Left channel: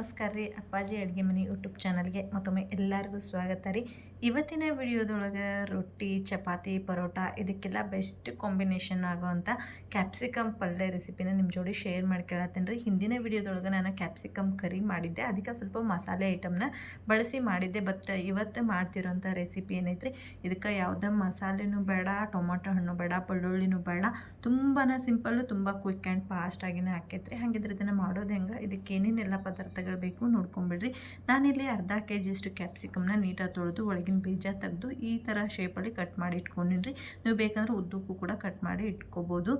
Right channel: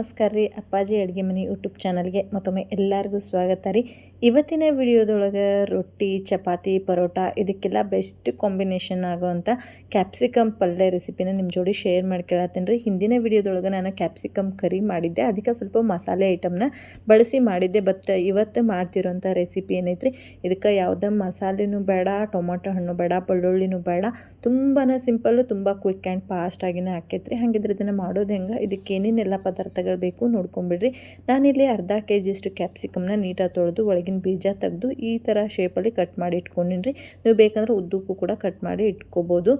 ನಮಸ್ಕಾರ ರೀ. ಅಪ್ಪಾಜಿ ಅಡುಗೆ ಮನೆ ಯೂಟ್ಯೂಬ್ ಚಾನಲ್ಗೆ ಮತ್ತೊಮ್ಮೆ ಎಲ್ಲರಿಗೂ ಸ್ವಾಗತ ರೀ. ಇವತ್ತಿನ ವಿಡಿಯೋದೊಳಗೆ ರೊಟ್ಟಿ, ಚಪಾತಿ, ಪರೋಟ ಇದಕ್ಕೆಲ್ಲ ಬೆಸ್ಟ್ ಕಾಂಬಿನೇಷನ್ ಆಗೋವಂಥ ಕ್ಯಾಪ್ಸಿಕಮ್ ಪಲ್ಯ ರೆಸಿಪಿನ ನಿಮ್ಮ ಜೋಡಿ ಶೇರ್ ಮಾಡ್ಕೊಳತ್ತೀನಿ ರೀ. ಹಿಂದಿನ ವಿಡಿಯೋದೊಳಗೆ ನಾನು ಕ್ಯಾಪ್ಸಿಕಮ್ ಕರಿ ಮಾಡಿದ್ದೆ, ಅದಕ್ಕೆ ಸ್ವಲ್ಪ ಮಸಾಲೆ ಐಟಮ್ನ ಬಳಸಿ ಮಾಡಿದ್ದೆ. ಬಟ್ ಇವತ್ತು ಮಾಡ್ತಿರೋಂಥ ರೆಸಿಪಿ ಏನೈತ್ರಿ, ಇದಕ್ಕೆ ಯಾವುದೇ ಮಸಾಲೆನೂ ಬೇಡ, ಟೊಮೊಟೊ ಹಣ್ಣು ಬೇಡ, ಬೆಳ್ಳುಳ್ಳಿನೂ ಬೇಡ, ತುಂಬಾ ಸಿಂಪಲ್ಲು, ತುಂಬ ಕ್ವಿಕ್ ಆ್ಯಂಡ್ ಫಾಸ್ಟಾಗಿನೇ ಆಕೈತ್ರಿ. ಹಾಗಿದ್ರೆ ಇದನ್ನು ಮಾಡೋದು ಹೆಂಗೆ, ಇದಕ್ಕೆ ಏನೇನೆಲ್ಲ ಪದಾರ್ಥಗಳು ಬೇಕು ನೋಡ್ಕೊಂಬಿಡ್ರಿ. ನಾನಿಲ್ಲಿ ಅರ್ಧ kg ಅಷ್ಟು ಕ್ಯಾಪ್ಸಿಕಮ್ನ ನೀಟಾಗಿ ತೊಳೆದು ಒಳಗಿನ ಬೀಜ ತೆಗೆದು ಈ ಥರ ಶೇಪಲ್ಲಿ ಕಟ್ ಮಾಡಿ ಇಟ್ಕೊಂಡಿನಿ. ನೀವು ಬೇಕಂದ್ರೆ ಉದ್ದಕ್ಕೂ ಕೂಡ ಕಟ್ ಮಾಡಿ ಇಟ್ಕೋಬೋದು.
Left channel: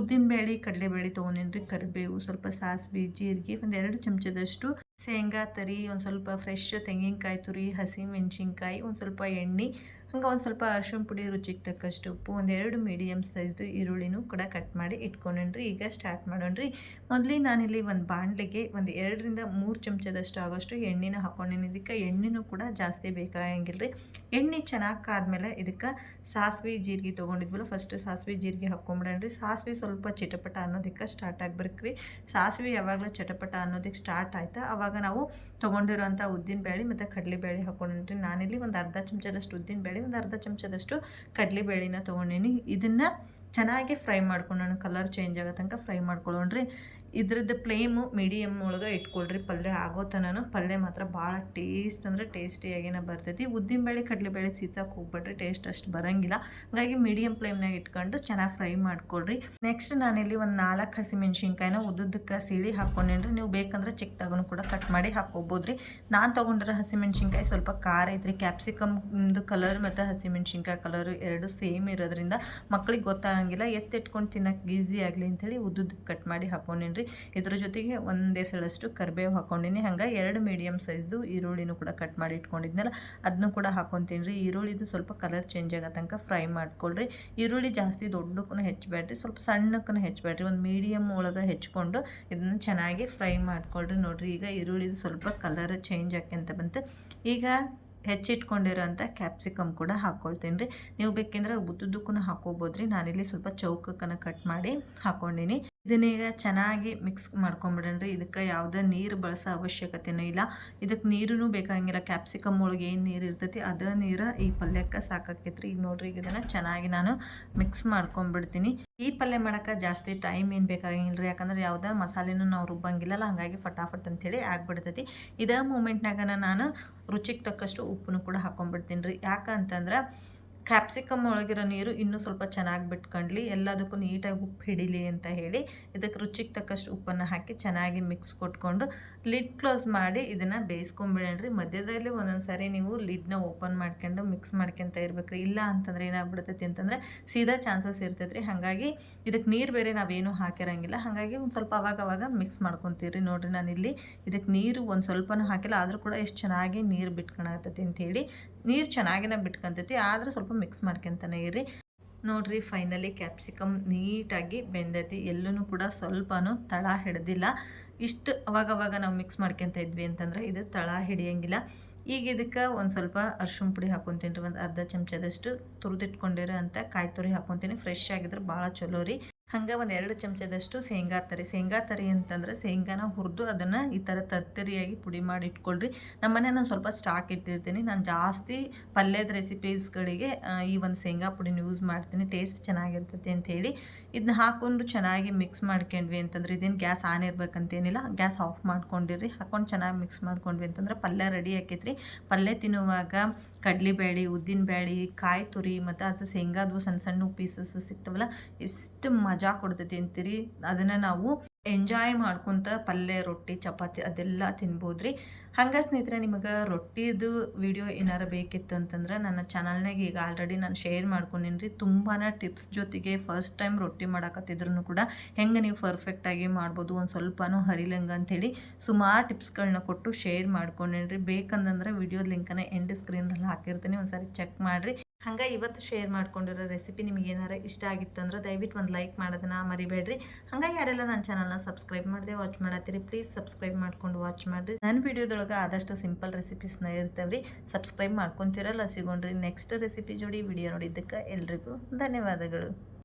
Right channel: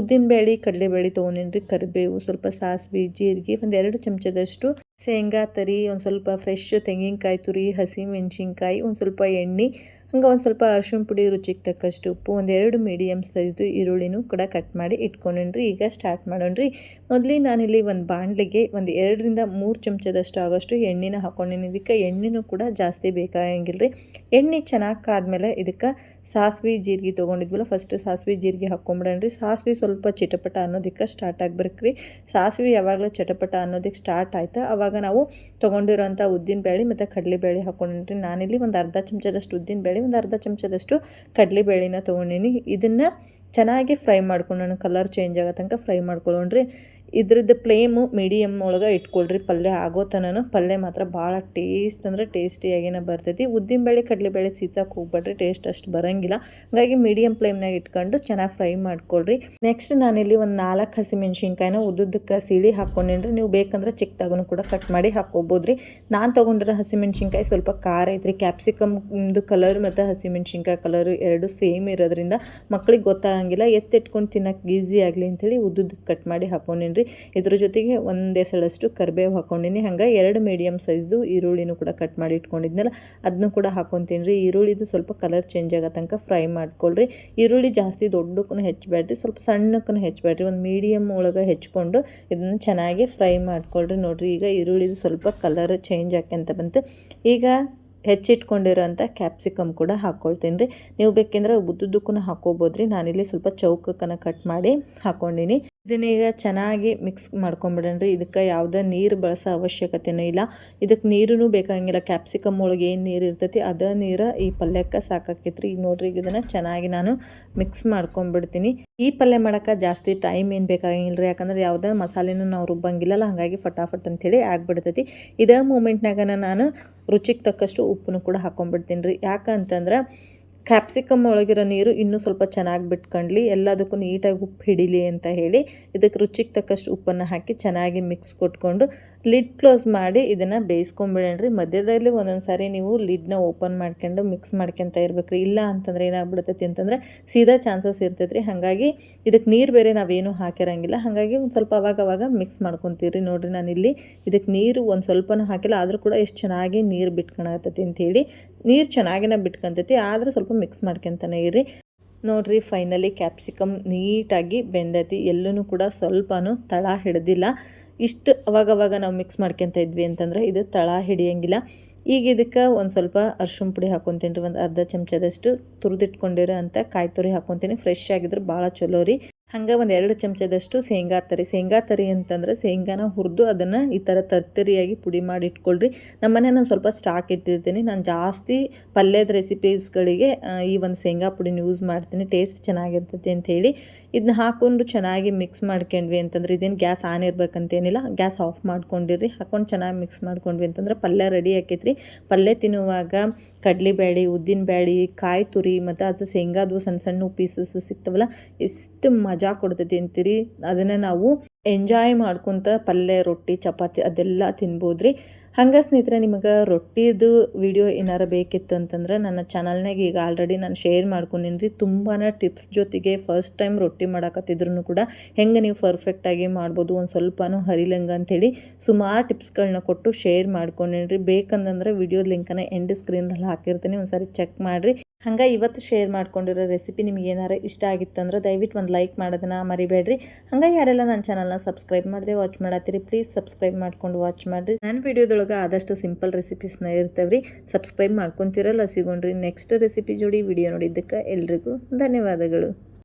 ಉದ್ದಿನಬೇಳೆ, ಕಡಲೆಬೇಳೆ ತೊಗೊಂಡಿನಿ, ಕರಿಬೇವು, ಸ್ವಲ್ಪ ಸಾಸಿವೆ, ಜೀರಿಗೆ, ಒಂದು 2 ಚಮಚದಷ್ಟು ಶೇಂಗಾ ತರಿ, ಒಂದು ಸ್ವಲ್ಪ ಫ್ರೆಶ್ ತೆಂಗಿನಕಾಯಿ ತುರಿ, ಹಸಿ ಮೆಣಸಿನ್ಕಾಯಿ, ಒಂದು ಸ್ವಲ್ಪ ಎಣ್ಣೆ, ಹಂಗೆ ಒಂದು ಸ್ವಲ್ಪ ಅರಿಶಿಣ ಪುಡಿ, ರುಚಿಗೆ ತಕ್ಕಷ್ಟು ಉಪ್ಪು, ಒಂದು 2 ಮೀಡಿಯಮ್ ಸೈಜು ಈರುಳ್ಳಿನೂ ಕೂಡ ಕಟ್ ಮಾಡಿ ಇಟ್ಕೊಂಡ್ರಿ. ಈಗ ಸ್ಟಾರ್ಟ್ ಮಾಡೋಣ್ರಿ. ಮೊದಲು ನಾನಿಲ್ಲಿ ಒಂದು ಬಾಣಲೆಗೆ ಒಂದು 2 ರಿಂದ 3 ಚಮಚದಷ್ಟು ಆಗೋಷ್ಟು ಎಣ್ಣೆನ ಹಾಕ್ಕೊಂಡಿನಿ. ಇದಕ್ಕೆ ಎಣ್ಣೆನೂ ಕೂಡ ಜಾಸ್ತಿ ಬೇಕಾಗಂಗಿಲ್ಲ ರೀ. ಎಣ್ಣೆ ಚೆನ್ನಾಗಿ ಕಾದ್ಮೇಲೆ ಇದಕ್ಕೆ ಸಾಸಿವೆ ಜೀರಿಗೆ ತೊಗೊಂಡಿದ್ವಲ್ಲ, ಫಸ್ಟು ಸಾಸಿವೆ ಜೀರಿಗೆ ಹಾಕ್ಕೊಂಬಿಡೋಣ್ರಿ. ಸಾಸಿವೆ ಸ್ವಲ್ಪ ಚಿಟಪಟ ಅನ್ನೋದಕ್ಕೆ ಸ್ಟಾರ್ಟ್ ಆಗ್ಬೇಕು ರೀ. ಸಾಸಿವೆ ಯಾವಾಗಲೂ ಚಟಪಟ ಅನ್ನೋದಕ್ಕೆ ಸ್ಟಾರ್ಟ್ ಆಯ್ತು ಆವಾಗ ನಾವು ತೊಗೊಂಡಿರೋಂಥ ಉದ್ದಿನಬೇಳೆ ಮತ್ತು ಕಡಲೆಬೇಳೆ ಹಾಕ್ಕೊಂಡಿನಿ. ನಾನಿಲ್ಲಿ ಒಂದು ಅರ್ಧ ಚಮಚದಷ್ಟು ಉದ್ದಿನಬೇಳೆ, ಒಂದು ಅರ್ಧ ಚಮಚದಷ್ಟು ಕಡಲೆಬೇಳೆನ ತೊಗೊಂಡಿನಿ. ಇದನ್ನು ಚೆನ್ನಾಗಿ ಫ್ರೈ ಮಾಡ್ಕೊಂಡು ಕಲರ್ ಚೇಂಜ್ ಆಗೋ ತನಕ ಫ್ರೈ ಮಾಡ್ಕೊಳ್ಳೋಣ್ರಿ. ಇದ್ರದ್ದು ಫ್ಲೇಮು ಮೀಡಿಯಮ್ ಒಳಗೆ ಇಟ್ಕೊಳ್ರಿ. ಪಲ್ಯ ಆಗೋ ತನಕ ಪಲ್ಯ ಮಾತ್ರ ಭಾಳ ಟೇಸ್ಟ್ ಅಂದರೆ ಟೇಸ್ಟಿಯಾಗಿನೇ ಬರ್ತೈತಿ. ಉದ್ದಿನಬೇಳೆ ಕಡಲೆಬೇಳೆ ಸೀತಕ್ಕೆ ಹೋಗ್ಬೇಡ್ರಿ, ಟೇಸ್ಟ್ ಅಷ್ಟು ಬರೋಂಗಿಲ್ಲ. ಹಾಗಾಗಿ ಮೀಡಿಯಮ್ ಫ್ಲೇಮ್ನಾಗ ಇಟ್ಕೊಂಡು ಚೆನ್ನಾಗಿ ಫ್ರೈ ಮಾಡ್ಕೊಳ್ರಿ. ನೆಕ್ಸ್ಟ್ ನಾನಿಲ್ಲಿ ಒಂದು 4 ಹಸಿಮೆಣ್ಸಿನ್ಕಾಯಿನ ಉದ್ದುದ್ದಕ್ಕೆ ಸೀಳಿ ಹಾಕ್ಕೊಂಡಿನಿ. ನೀವು ಬೇಕಂದ್ರೆ ಚಿಕ್ಕದಾಗೂ ಕೂಡ ಕಟ್ ಮಾಡಿ ಹಾಕ್ಕೋಬೋದು ರೀ. ನಾನು ತೊಗೊಂಡಿರೋ ಹಸಿಮೆಣ್ಸಿನ್ಕಾಯಿ ಸ್ವಲ್ಪ ಖಾರ ಐತ್ರಿ. ಕ್ಯಾಪ್ಸಿಕಮ್ದು ಕಲರ್ ಮತ್ತು ಹಸಿಮೆಣ್ಸಿನ್ಕಾಯಿ ಕಲರು ಎರಡು ಸೇಮ್ ಇರೋದ್ರಿಂದ ಮಕ್ಳಿಗೆ ಗೊತ್ತಾಗಂಗಿಲ್ಲ, ಎತ್ತಿಟ್ಕೊಂಡು ತಿನ್ನೋಕೆ ಈಸಿ ಆಗಲಿ ಅಂಥೇಳಿ ಉದ್ದುದ್ದಕ್ಕೆ ಕಟ್ ಮಾಡಿ ಹಾಕ್ಕೊಂಡಿನಿ. ಇದ್ರ ಜೊತೆಗೆ ಒಂದು ಎಸಳಷ್ಟು ಕರಿಬೇವು ಹಾಕ್ಕೊಂಡಿನಿ. ಹಂಗೆ 2 ಮೀಡಿಯಮ್ ಸೈಜ್ದು ಈರುಳ್ಳಿನೂ ಕೂಡ ಕಟ್ ಮಾಡಿ ಇಟ್ಕೊಂಡಿದ್ನಲ್ಲ, ಅದನ್ನು ಕೂಡ ಹಾಕ್ಕೊತೀನಿ ರೀ. ಈರುಳ್ಳಿದು ಸ್ವಲ್ಪ ಕಲರ್ ಚೇಂಜ್ ಆಗೋ ತನಕ ಫ್ರೈ ಮಾಡ್ಕೊಳ್ರಿ. ಈರುಳ್ಳಿ ಜಾಸ್ತಿ ದೊಡ್ಡಕ್ಕೂ ಹೆಚ್ಚಬೇಡ್ರಿ, ಸ್ವಲ್ಪ ಸಣ್ಣಕ್ಕೂ ಹೆಚ್ಚಬೇಡ್ರಿ, ಒಂದು ಮೀಡಿಯಮ್ ಒಳಗೆ ಹೆಚ್ಕೊಂಡು ಇದನ್ನು ಚೆನ್ನಾಗಿ ಫ್ರೈ ಮಾಡ್ಕೊಳ್ರಿ. ನೋಡಿರಿ, ಈಗ ಈರುಳ್ಳಿದು ಸ್ವಲ್ಪ ಕಲರ್ ಚೇಂಜ್ ಆಕ್ಯಂತ ಬಂತು. ಈಗ ಹೆಚ್ಚಿಟ್ಕೊಂಡಿರೋಂಥ ಕ್ಯಾಪ್ಸಿಕಮ್ ಕೂಡ ಹಾಕ್ಕೊಳ್ತೀನಿ ರೀ. ನೀವು ಬೇಕೆಂದ್ರೆ ಉದ್ದುದ್ದಕ್ಕೂ ಹಾಕ್ಕೋಬೋದು ರೀ. ನಾನಿಲ್ಲಿ ಸ್ವಲ್ಪ ಚೌಕಕ್ಕನ ಕಟ್ ಮಾಡಿ ಹಾಕ್ಕೊಂಡಿನಿ. ಇದನ್ನೀಗ ಚೆನ್ನಾಗಿ ಮಿಕ್ಸ್ ಮಾಡ್ಕೊಂಬಿಡೋಣ್ರಿ. ಇದಕ್ಕೆ ಯಾವುದೇ ನೀರು ಬಳಸೋ ಅವಶ್ಯಕತೆಯೂ ಇಲ್ಲ, ಇದಕ್ಕೆ ನೀರೂ ಬೇಕಾಗಿಲ್ಲ. ಕ್ಯಾಪ್ಸಿಕಮ್ ಒಳಗೆ ಏನು ನೀರು ಇರ್ತೈತಿ ಅದೇ ನೀರು ಈ ಪಲ್ಯಕ್ಕೆ ಸಾಕಾಕೈತ್ರಿ. ಈಗ ನೋಡ್ರಿ, ಇದನ್ನು ಚೆನ್ನಾಗಿ ನಾನು ಮಿಕ್ಸ್ ಮಾಡ್ಕೊಂಬಿಡ್ತೀನಿ. ಈ ಪಲ್ಯ ಮಾಡೋಕ್ಕೆ ಜಾಸ್ತಿ ಟೈಮ್ ಏನು ಬೇಕಾಗಿಲ್ಲ ರೀ, ಯಾಕಂದ್ರೆ ಯಾವುದೇ ಮಸಾಲೆನೂ ನಾವು ರುಬ್ಬಂಗಿಲ್ಲಲ್ಲ, ಹಾಗಾಗಿ ಫಟಾಫಟ್ ಅಂಥೇಳಿ ಆಗ್ಬಿಡ್ತೈತಿ. ಇದೇ ಮೂಮೆಂಟ್ನಾಗ ನಾನು ರುಚಿಗೆ ತಕ್ಕಷ್ಟು ಉಪ್ಪನ್ನು ಕೂಡ ಹಾಕ್ಕೊಂಬಿಡ್ತೀನಿ ರೀ. ಯಾಕಂತಂದ್ರೆ ಕ್ಯಾಪ್ಸಿಕಮ್ ಒಳಗಿರೋ ನೀರು ಇನ್ನೂ ಸ್ವಲ್ಪ ಚೆನ್ನಾಗಿ ಬಿಟ್ಕೊಂಡ್ಲಿ, ಎಲ್ಲದಕ್ಕೂ ನೀಟಾಗಿ ಉಪ್ಪು ಹಿಡೀಲಿ ಅಂತ ಹೇಳಿ ಇದಕ್ಕೆ ರುಚಿಗೆ ತಕ್ಕಷ್ಟು ಉಪ್ಪನ್ನು ಹಾಕಿ ಚೆನ್ನಾಗಿ ಮಿಕ್ಸ್ ಕೊಟ್ಕೊಂಡು ಲಿಡ್ ಕ್ಲೋಸ್ ಮಾಡಿ ಇದನ್ನು ಬೇಯಿಸ್ಕೊಂಬಿಡೋಣ್ರಿ. ಮಧ್ಯದಲ್ಲಿ ಒಂದೊಂದು ಸಾರಿ ನೀವು ಲಿಡ್ನ ಓಪನ್ ಮಾಡ್ಕೊಂಡು ಮಿಕ್ಸ್ ಮಾಡ್ಕೊತ ಇರ್ಬೇಕ್ರಿ. ಇಲ್ಲ ಅಂತಂದ್ರೆ ಏನಾಗ್ಬಿಡ್ತೈತಿ ಅಂತಂದರೆ ಸೀದಾ ಚಾನ್ಸಸ್ ಇರ್ತೈತ್ರಿ. ಹಾಗಾಗಿ ಇದಕ್ಕೆ ನೀರು ಬೇರೆ ನಾವೇನು ಹಾಕಿರಂಗಿಲ್ಲ, ಹಾಗಾಗಿ ಒಂದು ಸ್ವಲ್ಪ ಅವಾಗ ಮಿಕ್ಸ್ ಮಾಡ್ಕೊತೀರಿ. ನೋಡಿರಿ, ನಾನಿಲ್ಲಿ ಇದಕ್ಕೆ ನೀರು ಒಂದು ಸ್ವಲ್ಪನೂ ಹಾಕಿಲ್ಲ, ಆದರೂ ಕೂಡ ಎಷ್ಟು ಚೆನ್ನಾಗಿ ನೀರು ಬಿಟ್ಕೊಳತೈತಿ ಅಂಥೇಳಿ. ನೀರು ಚೆನ್ನಾಗಿನ ಬಿಟ್ಕೊಂತೈತಿ, ಆದರೂ ಸ್ವಲ್ಪ ಮಿಕ್ಸ್ ಮಾಡ್ಕೊತಾನೆ ಇರಿ. ನೋಡಿರಿ, ಫೈನಲಿ ಕ್ಯಾಪ್ಸಿಕಮ್ ನೀಟಾಗಿ ಬೆಂದೈತಿ, ಎಲ್ಲೂ ಕೂಡ ಸ್ವಲ್ಪನೂ ತಳ ಹಿಡ್ದಿಲ್ಲ. ಇಷ್ಟು ಅವಾಗವಾಗ ನಾವು ಮಿಕ್ಸ್ ಮಾಡ್ಕೊತ ಇದ್ವಿ ಅಂತಂದರೆ ಇದು ತಳ ಹಿಡಿಯೋಂಗಿಲ್ಲ. ಈಗ ಇದಕ್ಕೆ ಒಂದು ಸ್ವಲ್ಪ ಅರಿಶಿಣ ಪುಡಿ ಹಾಕ್ಕೊತೀನಿ ರೀ. ಒಂದು ಅರ್ಧ ಚಮಚದಷ್ಟು ತುರಿದಿಟ್ಕೊಂಡಿರೋ ಅಂಥ ಕಾಯಿ ತುರಿ ಹಾಕ್ಕೊತೀನಿ. ಫ್ರೆಶ್ ಆಗಿದ್ರೆ ಭಾಳ ಚಲೋ ರೀ. ಹಂಗೆ ಒಂದು 2 ಚಮಚದಷ್ಟು ಶೇಂಗಾ ತರಿ ಅಂತಂದ್ರೆ ಶೇಂಗಾನ ಹುರಿದು ಅದನ್ನು ಈ ಥರ ತರ್ತರಿಯಾಗಿ ಪುಡಿ ಮಾಡಿ ಇಟ್ಕೊಳ್ರಿ. ನಮ್ಮ ಮನೇಲಿ ಒಂದು ಸ್ವಲ್ಪ ಸ್ಟಾಕ್ ಇಟ್ಟಿರ್ತೀನಿ. ನಾನು ಜಾಸ್ತಿ ಪಲ್ಯದ ರೆಸಿಪೀಸ್ಗಳಿಗೆ ಈ ಒಂದು ಶೇಂಗಾ ಪುಡಿನ ಯೂಸ್ ಮಾಡ್ತೀನಿ, ಟೇಸ್ಟ್ ಚೆನ್ನಾಗಿರ್ತೈತಿ ಅಂಥೇಳಿ. ಇದನ್ನ ಹಾಕ್ಕೊಂಡು ಚೆನ್ನಾಗಿ ಮಿಕ್ಸ್ ಮಾಡ್ಕೊಂಡ್ವಿ ಅಂತಂದ್ರೆ ಇದೇನು ಗ್ಯಾಸ್ ಆನ್ ಇರಬೇಕಂತೇನಿಲ್ಲ, ಗ್ಯಾಸ್ ಆಫ್ ಮಾಡ್ಕೊಂಡಿರಿ. ಹಾಕ್ಕೊಂಡು ಚೆನ್ನಾಗಿ ಮಿಕ್ಸ್ ಮಾಡ್ಕೊಂಡ್ವಿ ಅಂತಂದ್ರೆ ಪಲ್ಯ ರೆಡಿ ಆಕೈತ್ರಿ. ಪಲ್ಯ ತಿನ್ನುವಾಗ ಕಡಲೆಬೇಳೆ, ಉದ್ದಿನಬೇಳೆ, ಕಾಯಿ ತುರಿ ಮತ್ತು ಅದು ಶೇಂಗಾದು ಸಣ್ಣ ಸಣ್ಣ ಪೀಸಸ್ ಸಿಗ್ತವಲ್ಲ, ಎಷ್ಟು ಮಜಾ ಕೊಡ್ತೈತಿ ಅಂತೀರಿ. ಅದನ್ನು ನಾವು ಎಂಜಾಯ್ ಮಾಡ್ಕೊತ ಪಲ್ಯ, ರೊಟ್ಟಿ, ಚಪಾತಿ ಅದೆಲ್ಲ ತಿನ್ಬೋದು ರೀ. ಹಂಗೆ ಸ್ನೇಹಿತರೆ, ನಿಮಗೆ ರೊಟ್ಟಿದು ವಿಡಿಯೋ ಏನಾರು ಬೇಕಿತ್ತು ಅಂತಂದ್ರೆ ನನ್ನ ಚಾನಲ್ನಾಗ ಈಗ ಆಲ್ರೆಡಿ ನಾನು ಶೇರ್ ಮಾಡ್ಕೊಂಡಿನಿ ರೀ. ತುಂಬಾ ಟಿಪ್ಸ್ ಜೊತೆಗೆ ಫಸ್ಟ್ ಟೈಮ್ ರೊಟ್ಟಿ ಮಾಡಕತ್ತಿದ್ರು ಕೂಡ ಹೆಂಗೆ ನೀವು ಪರ್ಫೆಕ್ಟಾಗಿ ಮಾಡ್ಬೋದು, ಒಂದು ಸ್ವಲ್ಪನೂ ಹರಿಲಂಗೆ ಅಂಥೇಳಿ ಸುಮಾರು ಟಿಪ್ಸ್ಗಳನ್ನ ಕೊಟ್ಟು ಶೇರ್ ಮಾಡ್ಕೊಂಡಿನಿ ರೀ. ಬೇಕಂದ್ರೆ ವಿಡಿಯೋದ ಲಿಂಕನ್ನು ಎಂಡ್ ಸ್ಕ್ರೀನಲ್ಲಿ ಹಾಕಿರ್ತೀನಿ, ಒಂದು ಸಾರಿ ಚೆಕ್ ಮಾಡಿರಿ. ಹಂಗೆ ಇವತ್ತು ಶೇರ್ ಮಾಡ್ಕೊಂಡಿರೋ ರೆಸಿಪಿ ನಿಮ್ಗೆ ಏನಾರು ಇಷ್ಟ ಆಗಿತ್ತು ಅಂದ್ರೆ ದಯವಿಟ್ಟು ಒಂದು ಲೈಕ್ ಮಾಡೋದನ್ನ ಮರಿಬೇಡ್ರಿ. ಹಂಗೆ ಯಾರೆಲ್ಲ ನನ್ನ ಚಾನಲ್ನ ಸಬ್ಸ್ಕ್ರೈಬ್ ಮಾಡದೆ ವಾಚ್ ಮಾಡತ್ತೀರಿ, ಪ್ಲೀಸ್ ಸಬ್ಸ್ಕ್ರೈಬ್ ಮಾಡ್ಕೊಂಡು ವಾಚ್ ಮಾಡಿರಿ. ನನ್ನ ವಿಡಿಯೋದೊಳಗೆ ಆದಷ್ಟು ಸಿಂಪಲ್ ರೆಸಿಪೀಸ್ನ ಇರ್ತವ್ರಿ, ಸಬ್ಸ್ಕ್ರೈಬ್ ಮಾಡ್ಕೊತಿರಲ್ಲ ಸಿಗೋಣ್ರಿ. ನೆಕ್ಸ್ಟ್ ರೆಸಿಪಿ ಜೋಡಿ ವಿಡಿಯೋ ನೋಡಿದ್ದಕ್ಕೆ ಎಲ್ರಿಗೂ ಧನ್ಯವಾದಗಳು.